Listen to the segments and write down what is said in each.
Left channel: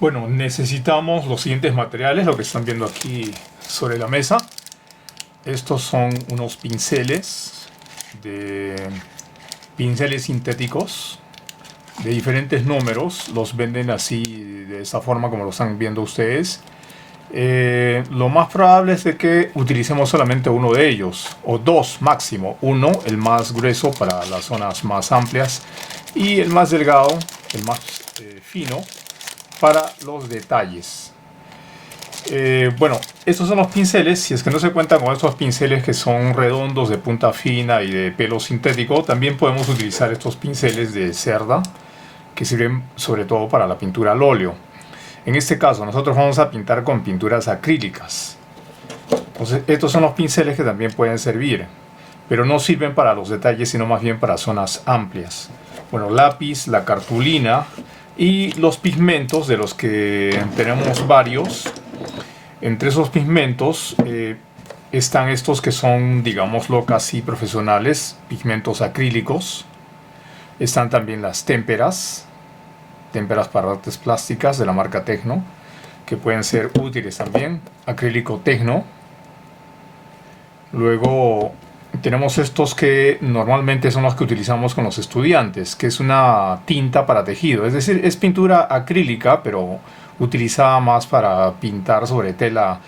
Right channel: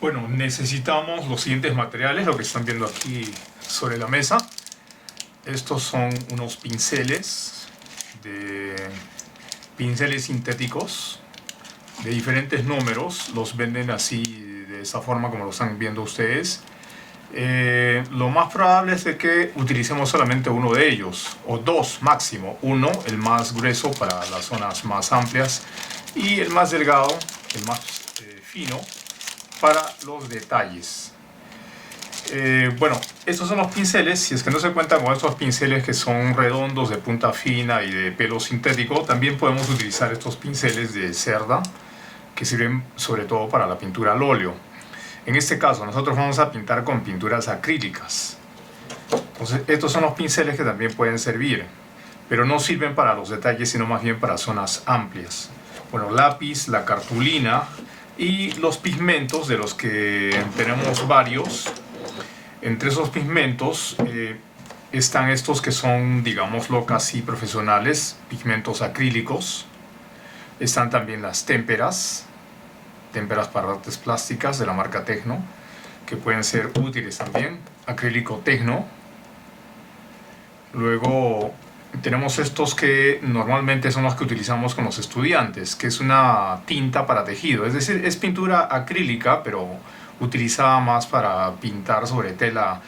Bueno, necesitamos los siguientes materiales, lo que están viendo aquí sobre la mesa. Estos son unos pinceles sintéticos de diferentes números. Los venden así, de esa forma como lo están viendo ustedes. Lo más probable es de que utilicemos solamente uno de ellos, o dos máximo. Uno, el más grueso para las zonas más amplias, y el más delgado, el más fino, para los detalles. Bueno, estos son los pinceles. Si es que no se cuentan con estos pinceles que son redondos, de punta fina y de pelo sintético, también podemos utilizar estos pinceles de cerda, que sirven sobre todo para la pintura al óleo. En este caso nosotros vamos a pintar con pinturas acrílicas. Entonces estos son los pinceles que también pueden servir, pero no sirven para los detalles, sino más bien para zonas amplias. Bueno, lápiz, la cartulina y los pigmentos, de los que tenemos varios. Entre esos pigmentos están estos que son, digámoslo, casi profesionales, pigmentos acrílicos. Están también las témperas para artes plásticas de la marca Tecno, que pueden ser útiles también. Acrílico Tecno. Luego tenemos estos que normalmente son los que utilizamos con los estudiantes, que es una tinta para tejido, es decir, es pintura acrílica, pero utilizada más para pintar sobre tela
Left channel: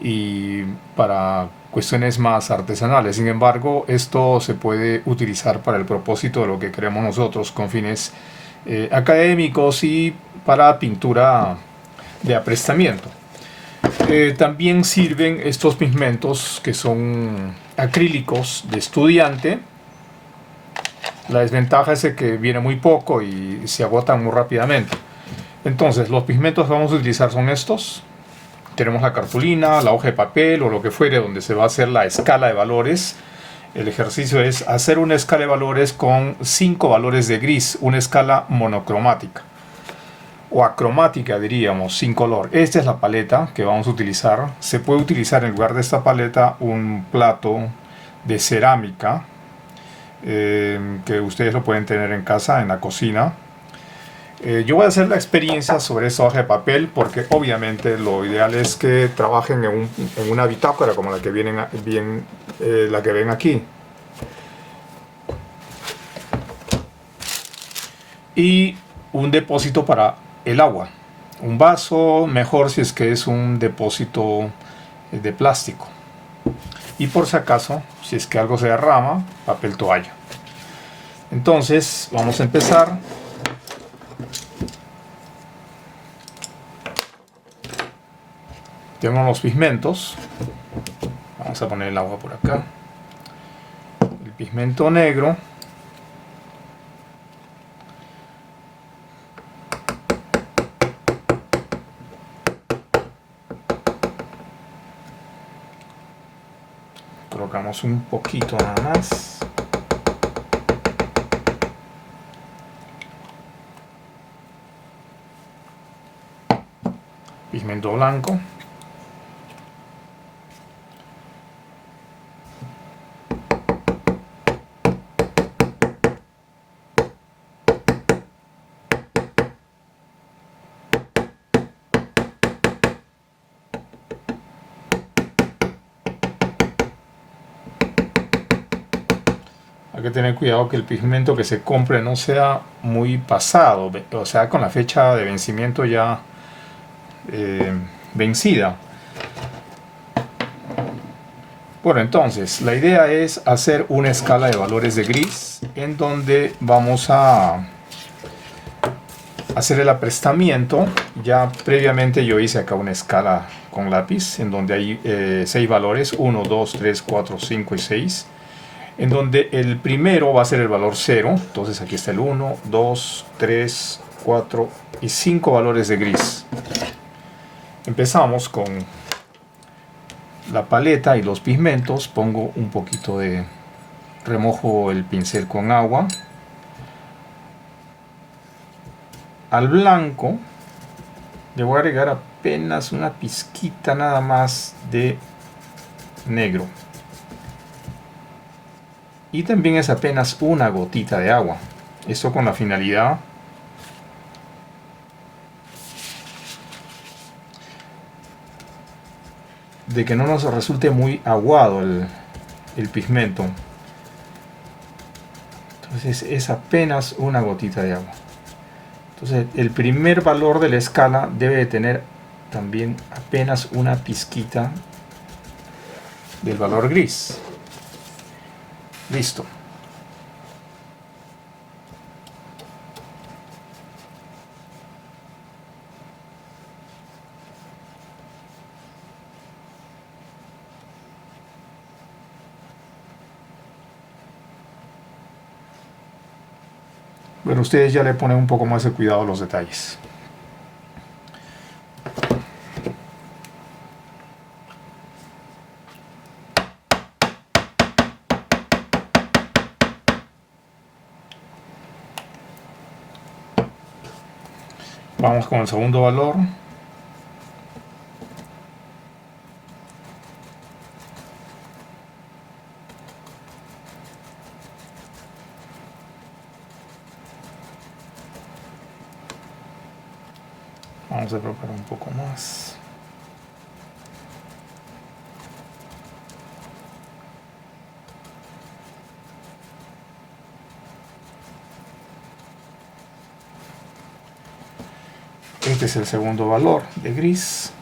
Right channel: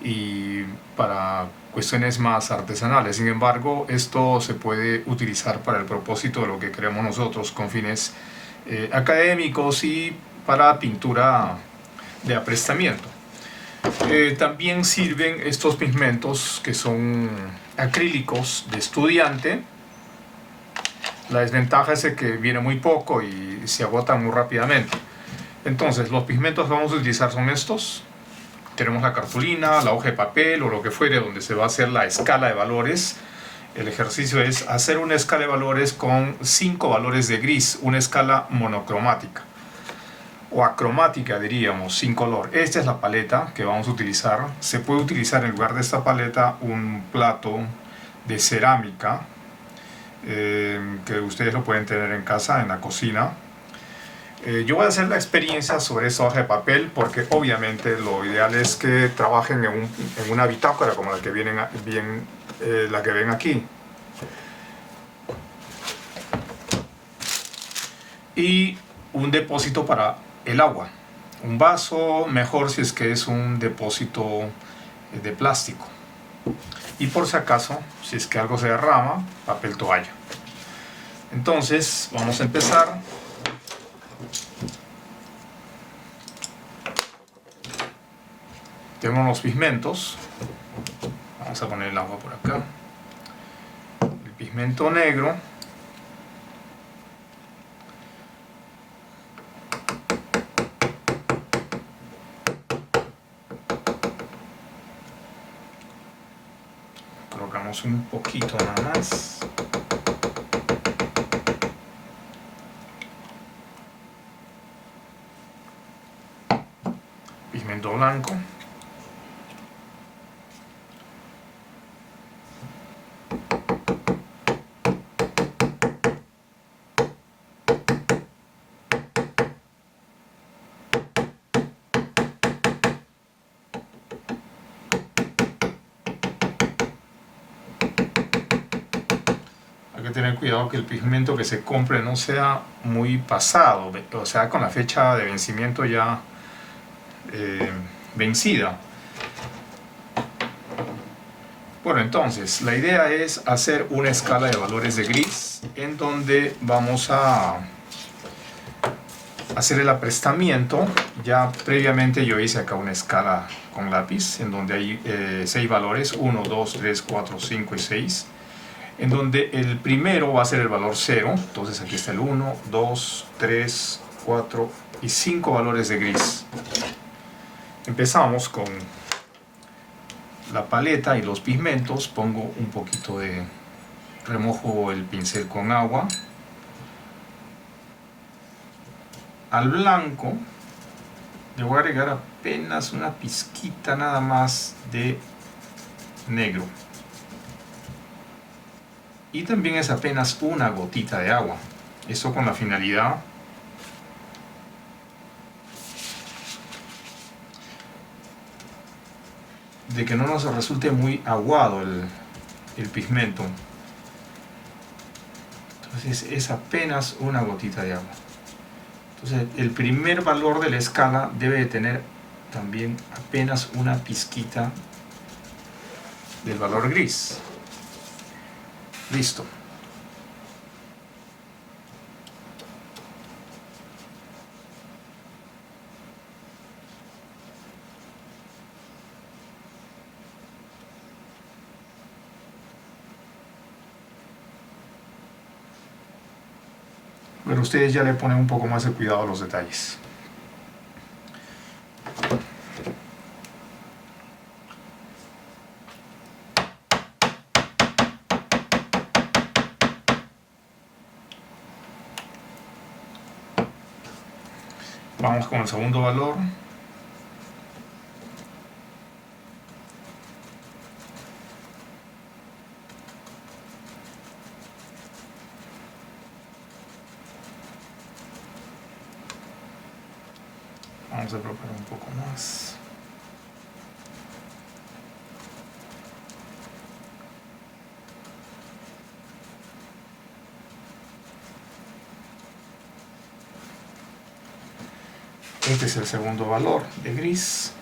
y para cuestiones más artesanales. Sin embargo, esto se puede utilizar para el propósito de lo que queremos nosotros, con fines académicos y para pintura de aprestamiento. También sirven estos pigmentos que son acrílicos de estudiante. La desventaja es que viene muy poco y se agotan muy rápidamente. Entonces los pigmentos que vamos a utilizar son estos. Tenemos la cartulina, la hoja de papel o lo que fuere, donde se va a hacer la escala de valores. El ejercicio es hacer una escala de valores con 5 valores de gris, una escala monocromática o acromática, diríamos, sin color. Esta es la paleta que vamos a utilizar. Se puede utilizar en lugar de esta paleta un plato de cerámica que ustedes lo pueden tener en casa, en la cocina. Yo voy a hacer la experiencia sobre esta hoja de papel porque obviamente lo ideal es que trabajen en una bitácora como la que la que ven aquí. Y un depósito para el agua. Un vaso, mejor si es que es un depósito de plástico. Y por si acaso, si es que algo se derrama, papel toalla. Entonces, vamos a empezar. Tengo los pigmentos. Vamos a poner el agua por acá. El pigmento negro. Colocamos un poquito nada más. Pigmento blanco. Hay que tener cuidado que el pigmento que se compre no sea muy pasado, o sea, con la fecha de vencimiento ya vencida. Bueno, entonces la idea es hacer una escala de valores de gris en donde vamos a hacer el aprestamiento. Ya previamente yo hice acá una escala con lápiz en donde hay 6 valores, 1, 2, 3, 4, 5 y 6. En donde el primero va a ser el valor 0, entonces aquí está el 1, 2, 3, 4 y 5 valores de gris. Empezamos con la paleta y los pigmentos. Pongo un poquito de... remojo el pincel con agua. Al blanco le voy a agregar apenas una pizquita nada más de negro. Y también es apenas una gotita de agua. Esto con la finalidad de que no nos resulte muy aguado el pigmento. Entonces es apenas una gotita de agua. Entonces el primer valor de la escala debe de tener también apenas una pizquita del valor gris. Listo. Bueno, ustedes ya le ponen un poco más de cuidado a los detalles. Vamos con el segundo valor. Vamos a preparar un poco más. Este es el segundo valor de gris.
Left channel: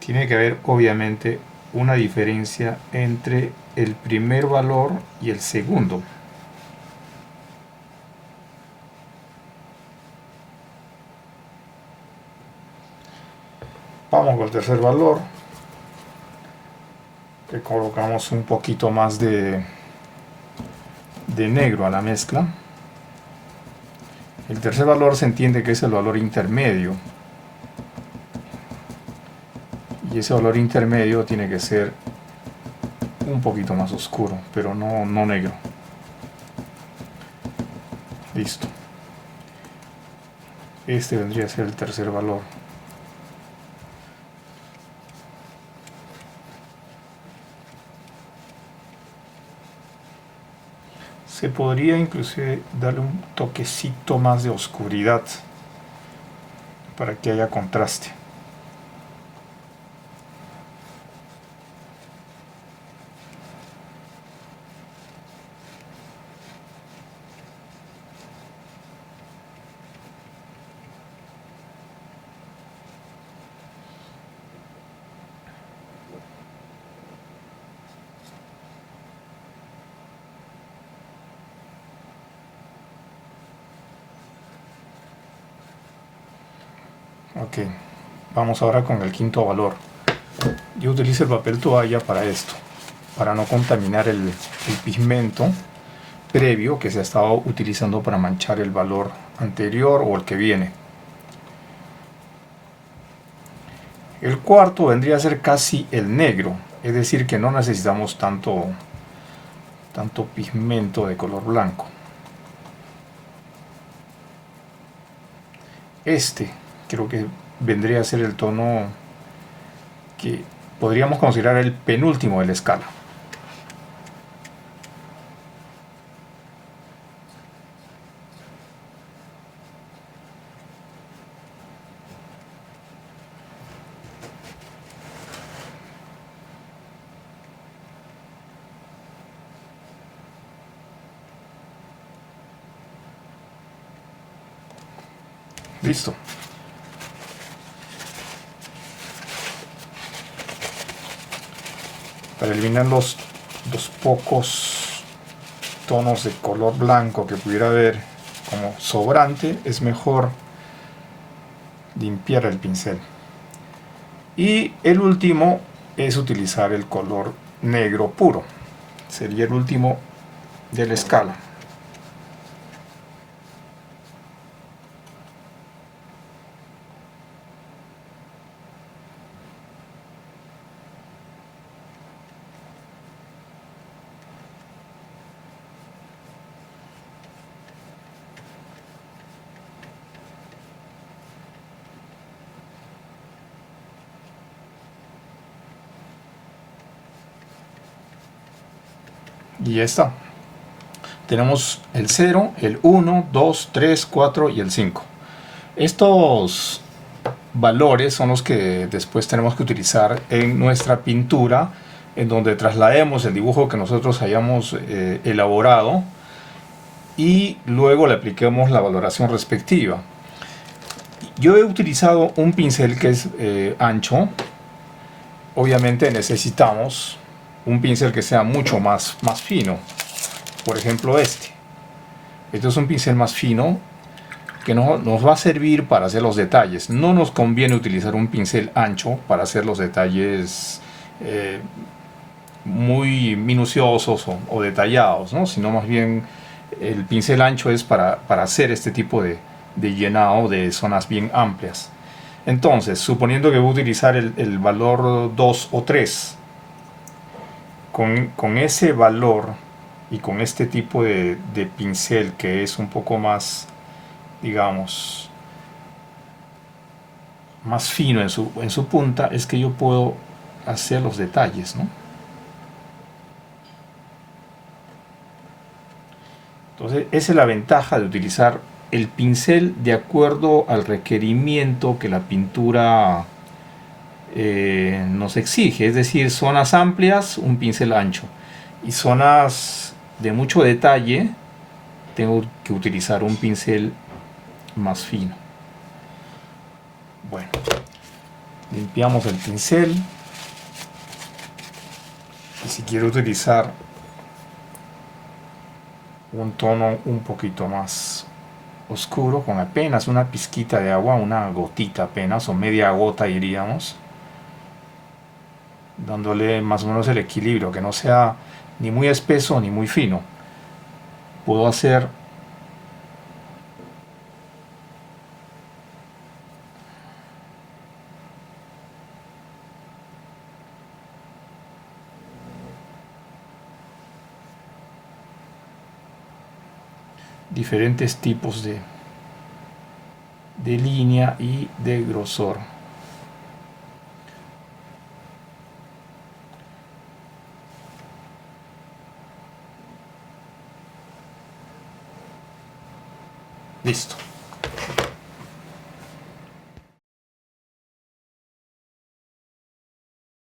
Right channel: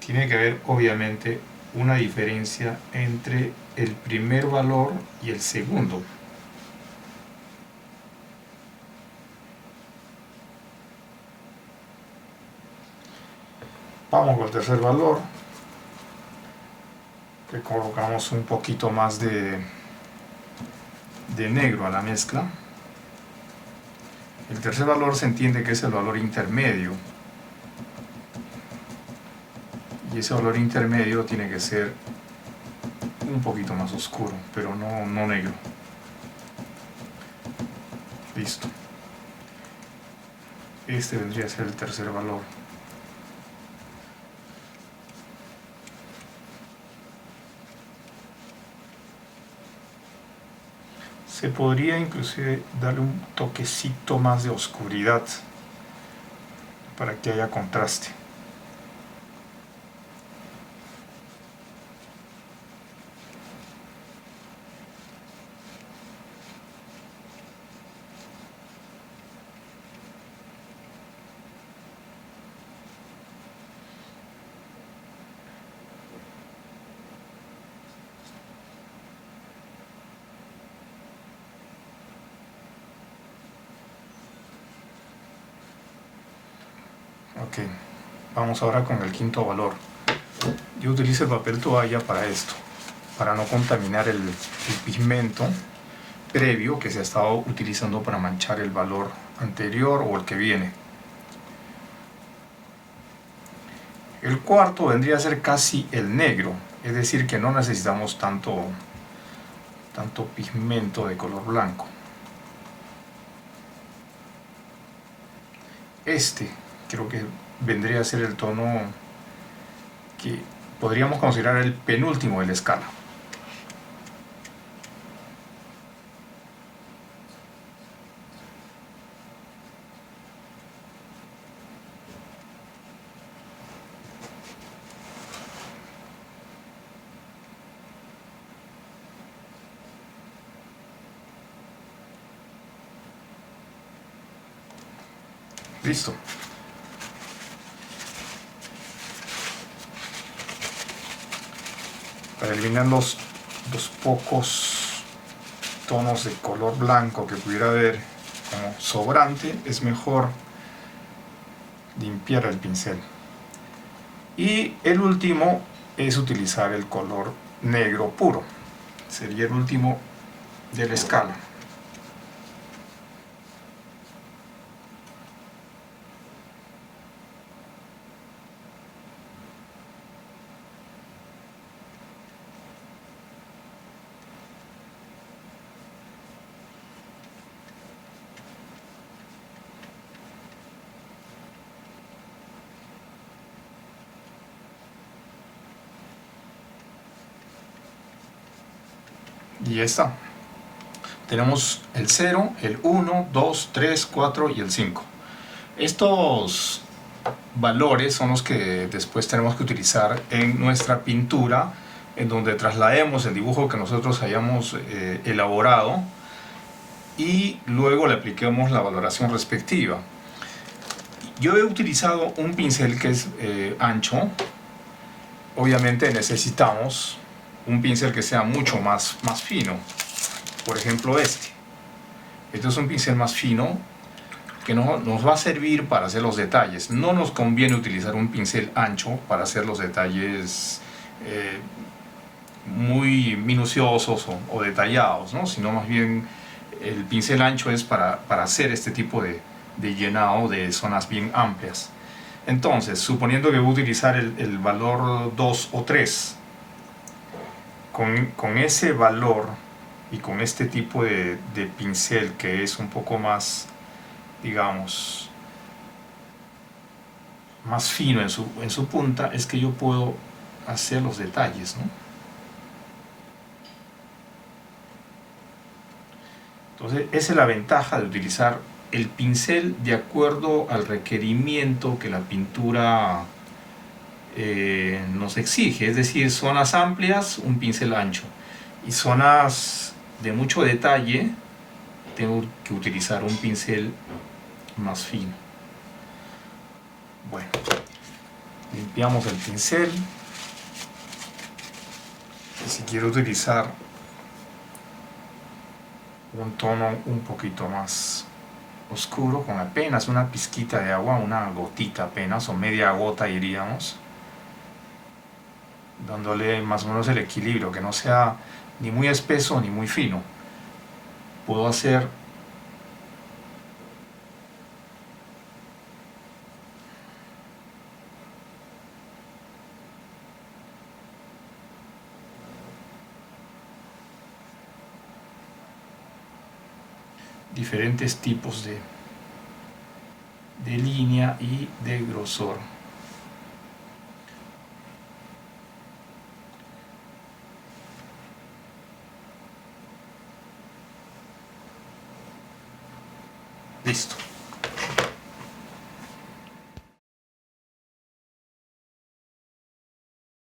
Tiene que haber obviamente una diferencia entre el primer valor y el segundo. Vamos con el tercer valor. Le colocamos un poquito más de negro a la mezcla. El tercer valor se entiende que es el valor intermedio. Y ese valor intermedio tiene que ser un poquito más oscuro, pero no negro. Listo. Este vendría a ser el tercer valor. Se podría inclusive darle un toquecito más de oscuridad para que haya contraste. Ok, vamos ahora con el quinto valor. Yo utilizo el papel toalla para esto, para no contaminar el pigmento previo que se ha estado utilizando para manchar el valor anterior o el que viene. El cuarto vendría a ser casi el negro, es decir que no necesitamos tanto pigmento de color blanco. Este creo que vendría a ser el tono que podríamos considerar el penúltimo de la escala. Listo. Para eliminar los pocos tonos de color blanco que pudiera haber como sobrante, es mejor limpiar el pincel. Y el último es utilizar el color negro puro. Sería el último de la escala. Y ya está. Tenemos el 0, el 1, 2, 3, 4 y el 5. Estos valores son los que después tenemos que utilizar en nuestra pintura, en donde traslademos el dibujo que nosotros hayamos elaborado y luego le apliquemos la valoración respectiva. Yo he utilizado un pincel que es ancho. Obviamente necesitamos un pincel que sea mucho más fino. Por ejemplo este. Este es un pincel más fino que nos va a servir para hacer los detalles. No nos conviene utilizar un pincel ancho para hacer los detalles muy minuciosos o detallados, ¿no? Sino más bien el pincel ancho es para hacer este tipo de llenado de zonas bien amplias. Entonces, suponiendo que voy a utilizar el valor 2 o 3, con ese valor y con este tipo de pincel que es un poco más, digamos, más fino en su punta, es que yo puedo hacer los detalles, ¿no? Entonces, esa es la ventaja de utilizar el pincel de acuerdo al requerimiento que la pintura nos exige. Es decir, zonas amplias, un pincel ancho. Y zonas de mucho detalle, tengo que utilizar un pincel más fino. Bueno, limpiamos el pincel. Y si quiero utilizar un tono un poquito más oscuro, con apenas una pizquita de agua, una gotita apenas, o media gota diríamos, dándole más o menos el equilibrio, que no sea ni muy espeso ni muy fino. Puedo hacer diferentes tipos de línea y de grosor. Listo.